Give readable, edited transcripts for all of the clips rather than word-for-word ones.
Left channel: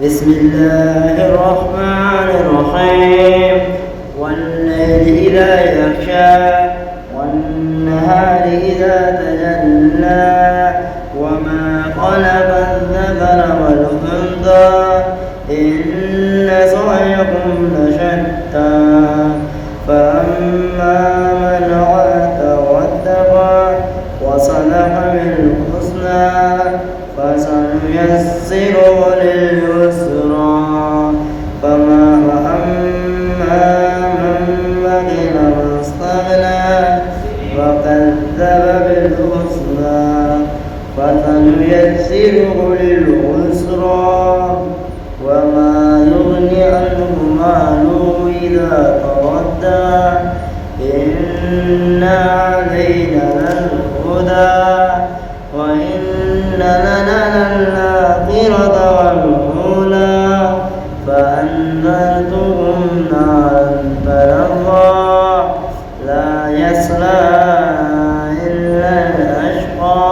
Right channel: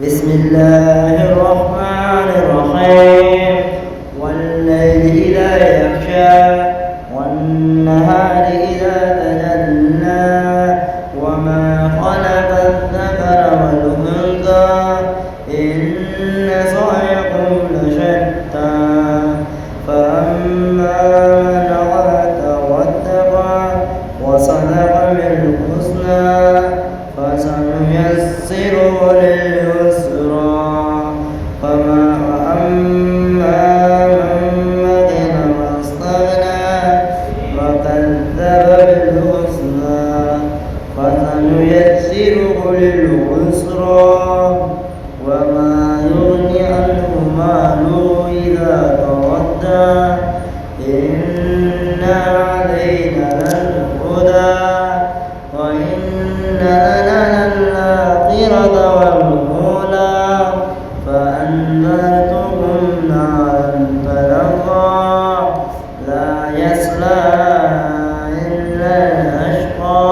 بسم الله الرحمن الرحيم والليل إذا يغشى والنهار إذا تجلى وما خلق الذكر والأنثى إن سعيكم لشتى فأما من أعطى واتقى وصدق بالحسنى فسنيسره لليسرى أما من بخل واستغنى وكذب بالحسنى فسنيسره للعسرى وما يغني عنه ماله إذا تردى إن علينا للهدى وإن لنا للآخرة والأولى فأنذرتكم نارا تلظى لا يصلاها إلا الأشقى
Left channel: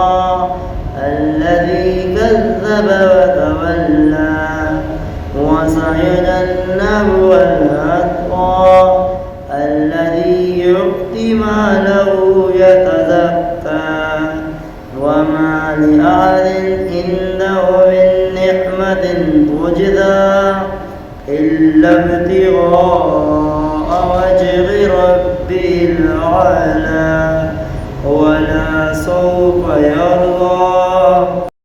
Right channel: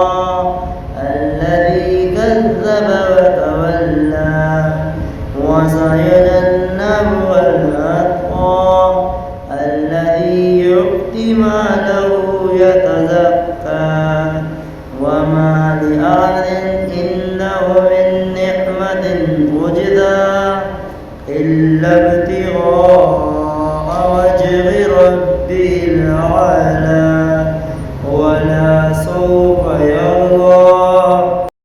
الذي كذب وتولى وسيجنبها الأتقى الذي يؤتي ماله يتزكى وما لأحد عنده من نعمة تجزى إلا ابتغاء